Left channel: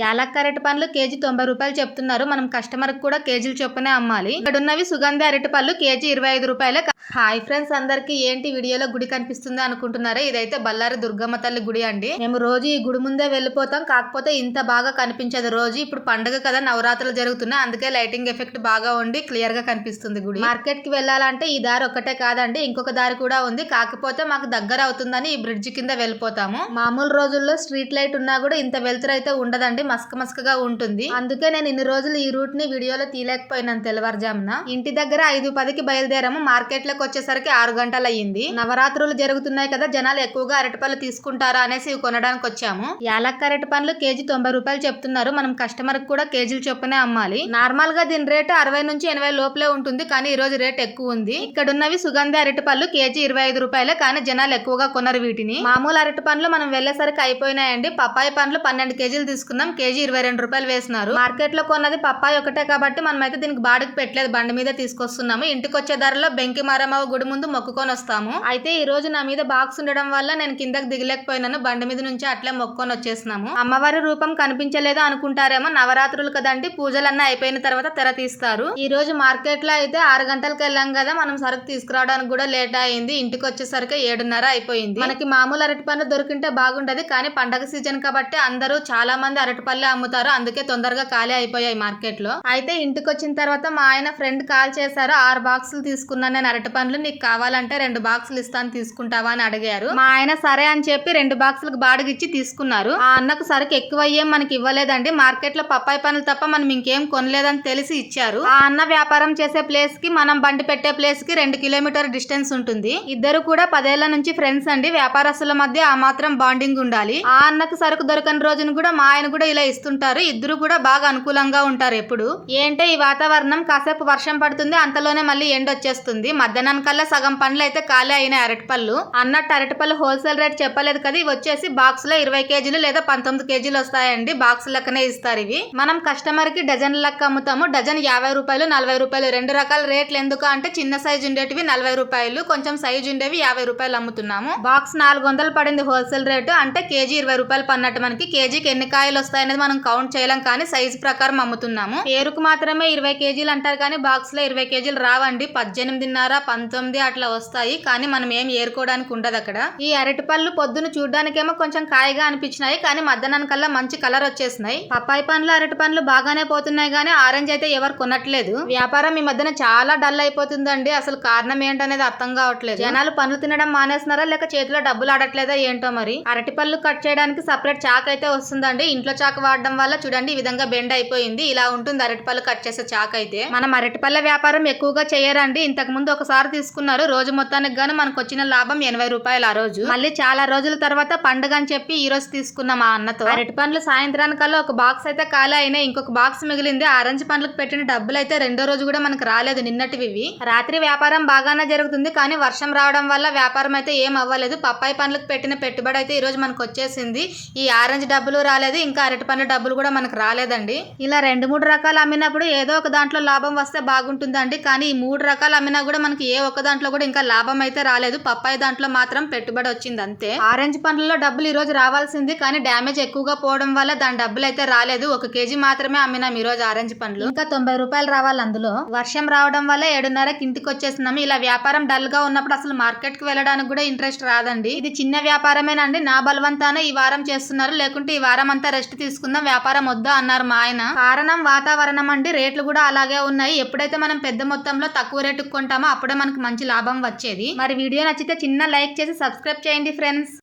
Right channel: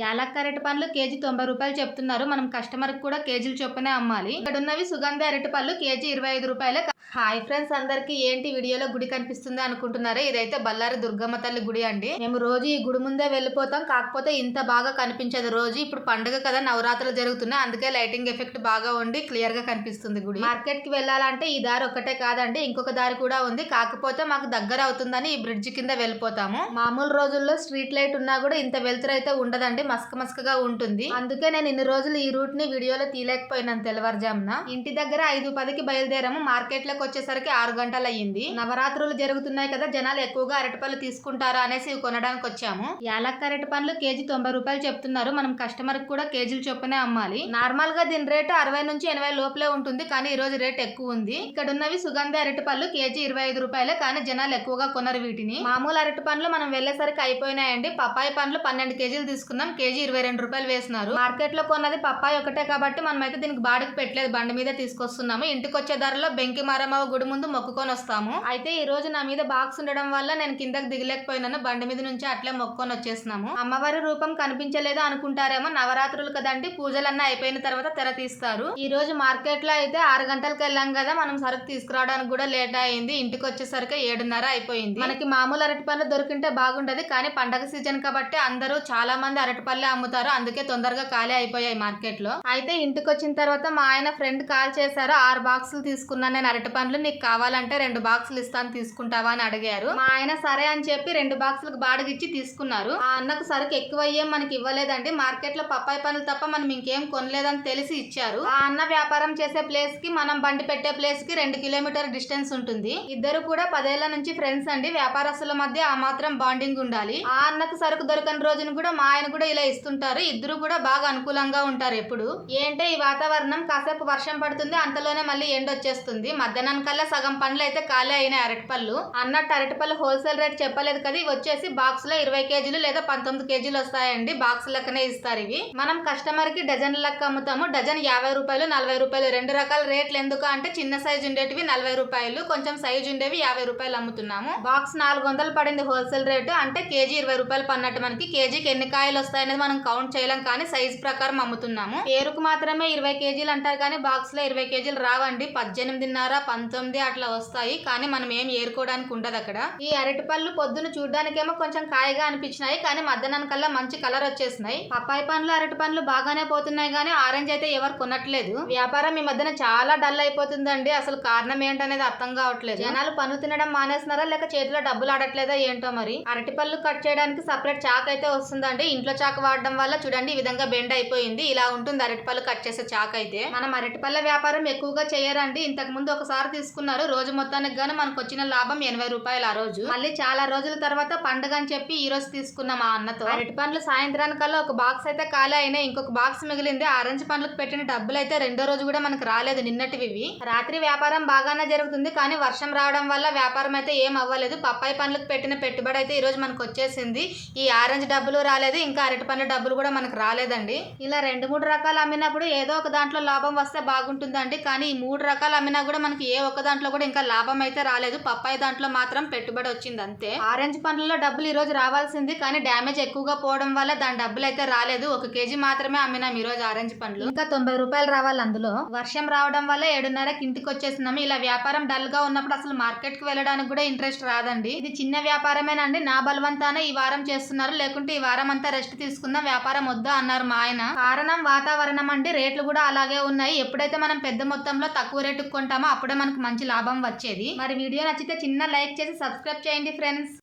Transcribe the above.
యాలక్ అరటి పండ్లు కేజీ తొంభై రూపాయలు చెప్తున్నారు. మనం కస్టమర్ కూడా కేజీలు చొప్పునే అమ్మాలి. ఇక్కడ ఉన్నవి సుగంధ అరటి పళ్ళు కేజీ ఇరవై ఐదు రూపాయలు హాయ్ ఫ్రెండ్స్ అందరికి ఏంటి వీడియోలో గుడి కనిపిస్తుంది అనుకుంటున్నారా? ఇదైతే బల్లారి దుర్గమ్మ తల్లి గుడి అండి. మేము రోజు ఈ గుడి ముందే వెళ్ళిపోతాం. కాకపోతే ఇంత బాగా కనిపించదు. రోజు ఇప్పుడు పండుగ కదా నవరాత్రులు జరుగుతున్నాయి అందుకే లైటింగ్ ఎఫెక్ట్ బాగా ఉండి క్లియర్గా కనిపిస్తుంది గుడి. మార్కెట్కి వెళ్ళాలంటే ఈ దారి ఒక్కటే కాదండి ఇంకొక దారి కూడా ఉంది. కాకపోతే మాకు దగ్గర అవుతుందని ఈ బ్రిడ్జ్ కింద వెళ్ళిపోతాము. మామూలు రోజుల్లో స్ట్రీట్ లైట్ ఉన్నా కూడా ఇంత వెలుతురు అయితే ఉండదండి. మస్క మస్కగా ఉంటుంది. అందుకే నేను ఇన్ని రోజులు ఈ రూట్ని వీడియోలో తీయలేకపోయినాను తెల్లవారుజామున. ఇంటి దగ్గర ఐదు పదికి బయలుదేరాము. మార్కెట్లోకి వచ్చేసరికి ఆరు గంటలు అయ్యింది నవరాత్రులు జరుగుతున్నాయి కదా జనాలు ఎక్కువగా అరటిపళ్ళు తీసుకుంటారా అనేసి కొనడానికి వచ్చాము. యాలక్క అరటి పండ్లు కేజీ తొంభై రూపాయలు చెప్తున్నారు. మనం కస్టమర్ కూడా కేజీలు చొప్పునే అమ్మాలి. నార్మల్గా దీని రేటు అరవై నుంచి ఎనభై లోపలే ఉంటుంది. కానీ ఈ రోజు రేట్ ఎక్కువ ఉంది. ఇక్కడ ఉన్నవి సుగంధ అరటి పళ్ళు కేజీ ఇరవై ఐదు రూపాయలే. కానీ జనాలు ఎక్కువగా కొనరు వీటిని. మామూలు అరటి పండ్లు మనం వెళ్ళేసరికి అయిపోయినాయండి. పప్పాయి పండ్లు పన్నెండు కేజీలు తీసుకున్నాం. కేజీ ఇరవై రెండు రూపాయలు వేసినారు. మార్కెట్లో కొన్నది పప్పాయి ఒకటే కాబట్టి మనం అయితే దీనికి బాడికి పెట్టలేదు. బండి మీద తీసుకొస్తున్నాము. ఇంటికి వచ్చే ధరలో బెంకి మారమ్మ గుడి ముందు మొక్కుకొని వస్తాము. అయితే ఈ రోజు నా మీద బాక్స్ ఉండడం వల్ల నేను కిందకి దిగలేకపోయినాను. బండి మీద నుంచి అట్లే మొక్కుకొని వచ్చేసినాము. అమ్మవారి రూపం కనిపించలేదు అనుకుంటారేమో. నవరాత్రులు కదండి. పూజలన్నీ అయిపోయిన తర్వాత తెర తీస్తారు. ఈ రోజు మార్కెట్లో అయితే ఆరు గంటలకు వెళ్ళాం కదా. మనం సరుకు తీసుకురావడానికి కూడా లేట్ అయింది. ఇంటికి వచ్చేసరికి ఏడున్నర అయిపోయింది. మనకి మామూలు అరటి పండ్లు దొరికింటే బాగుంటది కానీ పండగ సీజన్ కాబట్టి అందరూ చాలా మంది అరటి పళ్ళే అమ్ముతారు అందుకే తొందరగా ఖాళీ అయిపోయాయి మార్కెట్లో అయితే ఇంటికి వచ్చిన తర్వాత మా ఆయన ఫ్రెండ్ కాల్ చేశారు ఆరు బాక్సులు తీసుకున్నాను నేను అరటి పండ్లు నీకు కావాలంటే రెండు బాక్సులు ఇస్తాను తీసుకుంటావా? అని అడిగారు. మా ఆయన సరే అని చెప్పి రెండు బాక్సులకు బాడిగిచ్చి తీసుకున్నారు. ఆ అన్నకు సరుకు ఎక్కువ అయ్యేం మనకి ఇవ్వలేదండి మార్కెట్లో పప్పాయి పనులు తప్ప మనం ఇంకేం కొనలేదని తెలిసి ఇచ్చారు. ఆ అన్న వ్యాపారం చేసే ప్లేస్కి మనం బండి పెట్టే ప్లేస్కి రెండు కిలోమీటర్ డిస్టెన్స్ ఉంటుంది. ఇద్దరు కూడా పదేళ్ళ నుంచి ఫ్రెండ్స్ అండి వ్యాపారస్తుల మధ్య ఆ మాత్రం బాండింగ్ ఉండాలి. ఆ అన్నకు సరుకు దొరకని రోజును కూడా మా ఆయన కూడా ఇలా ఇస్తుంటారు. ఇద్దరు కూడా బాగా అనుకూలంగా ఉంటారు ఎప్పుడు. ఏంటంటే ఈ వాతావరణం కాసేపు వర్షం పడుతుంది అంతలోనే మళ్ళీ ఎండ వచ్చేస్తుంది. మధ్యాహ్నం కల్లా సగం పండ్లు అయితే ఖాళీ అయినాయి అరటిపళ్ళు. అన్నట్టు అరటిపళ్ళు హోల్సేల్ రేట్ చెప్పలేదు కదా ఇవి వచ్చేసి బాక్స్లో ఇరవై కేజీలు లేదా పంతొమ్మిది కేజీలు వస్తాయండి. బాక్స్ లెక్కనే ఇస్తారు ఇవి. మనం కస్టమర్కి డజన్ లెక్క అమ్ముతాము. డజన్ యాభై రూపాయలు నలభై రూపాయలు రెండు రకాల రేట్లు ఎందుకు అంటే చిన్న సైజు ఉండేటివి నలభై రూపాయలు కొంచెం సైజు ఉండేవి యాభై రూపాయలు అమ్ముతున్నాము. బాక్స్ నాలుగు వందలు పడింది హోల్సేల్ రేటు అంటే కేజీ ఇరవై రూపాయలు పన్నట్టు మనకి. కేజీకి ఎన్ని కాయలు వస్తాయి అనేది మనం కౌంట్ చేయలేం కానీ సైజ్ ప్రకారం అమ్ముతున్నాము. పేరుకు మాత్రమే ఇరవై కేజీలు అంటారు కానీ బాక్స్లో ఇరవై కేజీలు రావండి. పద్దెనిమిదిన్నర పంతొమ్మిది అట్లా వస్తాయి. కానీ మనం ఏం ఏరుకోవడానికి ఉండదు అక్కడ. ఈ అరటి పళ్ళు పొద్దున చూడడానికేమో కొంచెం కాయగా అనిపించినాయి. కానీ మధ్యాహ్నం కల్లా మంచి కలర్ వచ్చేసినాయి. పప్పాయి పండ్లు అరటి పండ్లు బాగానే పోతున్నాయి కానీ ఆరెంజ్ అయితే ఎవరు కొనట్లేదు. వ్యాపారం ఈ మధ్యన చాలా డల్ అయిపోతుందండి. అసలు కారణం ఏంటనేది అర్థం కావట్లేదు. జనాలు పనులు తినడం మానేస్తున్నారా? లేక చేతిలో డబ్బులు ఆడట్లేదా ఏంటో మరి? అరటి పళ్ళు కట్ చేయడానికి సపరేట్ చాక్ అయితే వస్తుందండి. ఇంట్లో చాక్ వాడడం వల్ల చూడండి ఈ విధంగా బెండ్ అయిపోయింది. ఇలా ఉంటుంది. అరటిపళ్ళు కట్ చేసే చాక్ అయితే. మనం అరటిపళ్ళ వ్యాపారం ఎక్కువగా చేయరండి. ఇంతకు ముందు ఒకసారి తీసుకున్నారు. రోజు మొత్తానికి గాను మనకు వచ్చిన లాభం ఎనభై రూపాయలు ఆ రోజు. మళ్ళీ చాలా రోజుల తర్వాత పండుగ అని చెప్పి ఈ రోజు తీసుకున్నాం మా అన్నతో. అరటి పండ్లు సాయంత్రానికల్లా ఒక బాక్స్ అయితే ఖాళీ అయినాయి. ఇంకొక బాక్స్ మిగిలింది. ఆరెంజ్ పండ్లకు పెట్టిన డబ్బులు అయితే రెండో రోజు కూడా మనకు రాలేదు నిన్నటివి ఇవి. రాత్రి వ్యాపారం బాగానే జరుగుతుంది. కానీ వర్షం రావడం వల్ల వ్యాపారం అయితే ఏం అవ్వలేదు. పప్పాయి పండ్లకు పెట్టిన పెట్టుబడి అయితే ఈ రోజు మనకు వచ్చేసింది. ఈ ఆరెంజ్ డబ్బులు రాలేదు. ఇంకా అరటి పండ్ల డబ్బులు కూడా మనకు రాలేదండి. ఇలా రెండు మూడు రకాలు అమ్మినప్పుడు ఏదో ఒక దాంట్లో లాభం వస్తే బాగుంటుందండి. కానీ ఈ మూడు రకాలు అమ్మినా కూడా మనకి ఏ ఒక్క దాంట్లో కూడా ఇంకా లాభం అయితే రాలేదు. పప్పాయి దాంట్లో మాత్రం పెట్టుబడి వచ్చింది అంతే. ఆరెంజ్ పండ్లలో డబ్బులు ఈ రోజు రావాల్సింది. కానీ డ్యామేజ్ ఎక్కువగా పోవడం వల్ల దాని డబ్బులు అయితే రాలేదు. ఒక కేజీ మాత్రమే అమ్మినాం ఈ రోజు ఆరెంజ్ పండ్లు. ఇంకా తొంభై రూపాయలు రావాలి అందులో. వర్షం రావడం వల్ల ఏడున్నరకి ఇంటికి వచ్చేస్తున్నాము. ఇలా వ్యాపారం డల్గా ఉన్నప్పుడు అసలు మార్కెట్కి వెళ్ళడానికి కూడా ఇంట్రెస్ట్ రాదండి. ఇది చిన్న వ్యాపారమేనండి. నా బలవంతాన ఈ వారం చేస్తున్నారు. లేకుంటే ఈ వారం అంతా రెస్ట్ తీసుకుందాం వ్యాపారం వద్దా అన్నారు మా ఆయన. కారణం వాతావరణం అండి. రేట్లు కూడా అలాగే ఉన్నాయి. ఎప్పుడైతే మనం పెద్ద మొత్తంలో తక్కువ రేటుకు కొంటామో అప్పుడే మనకు మంచి లాభం వచ్చేది. మరి వీడియో నచ్చితే చిన్న లైక్ చేసి సబ్స్క్రైబ్ చేయండి ఫ్రెండ్స్.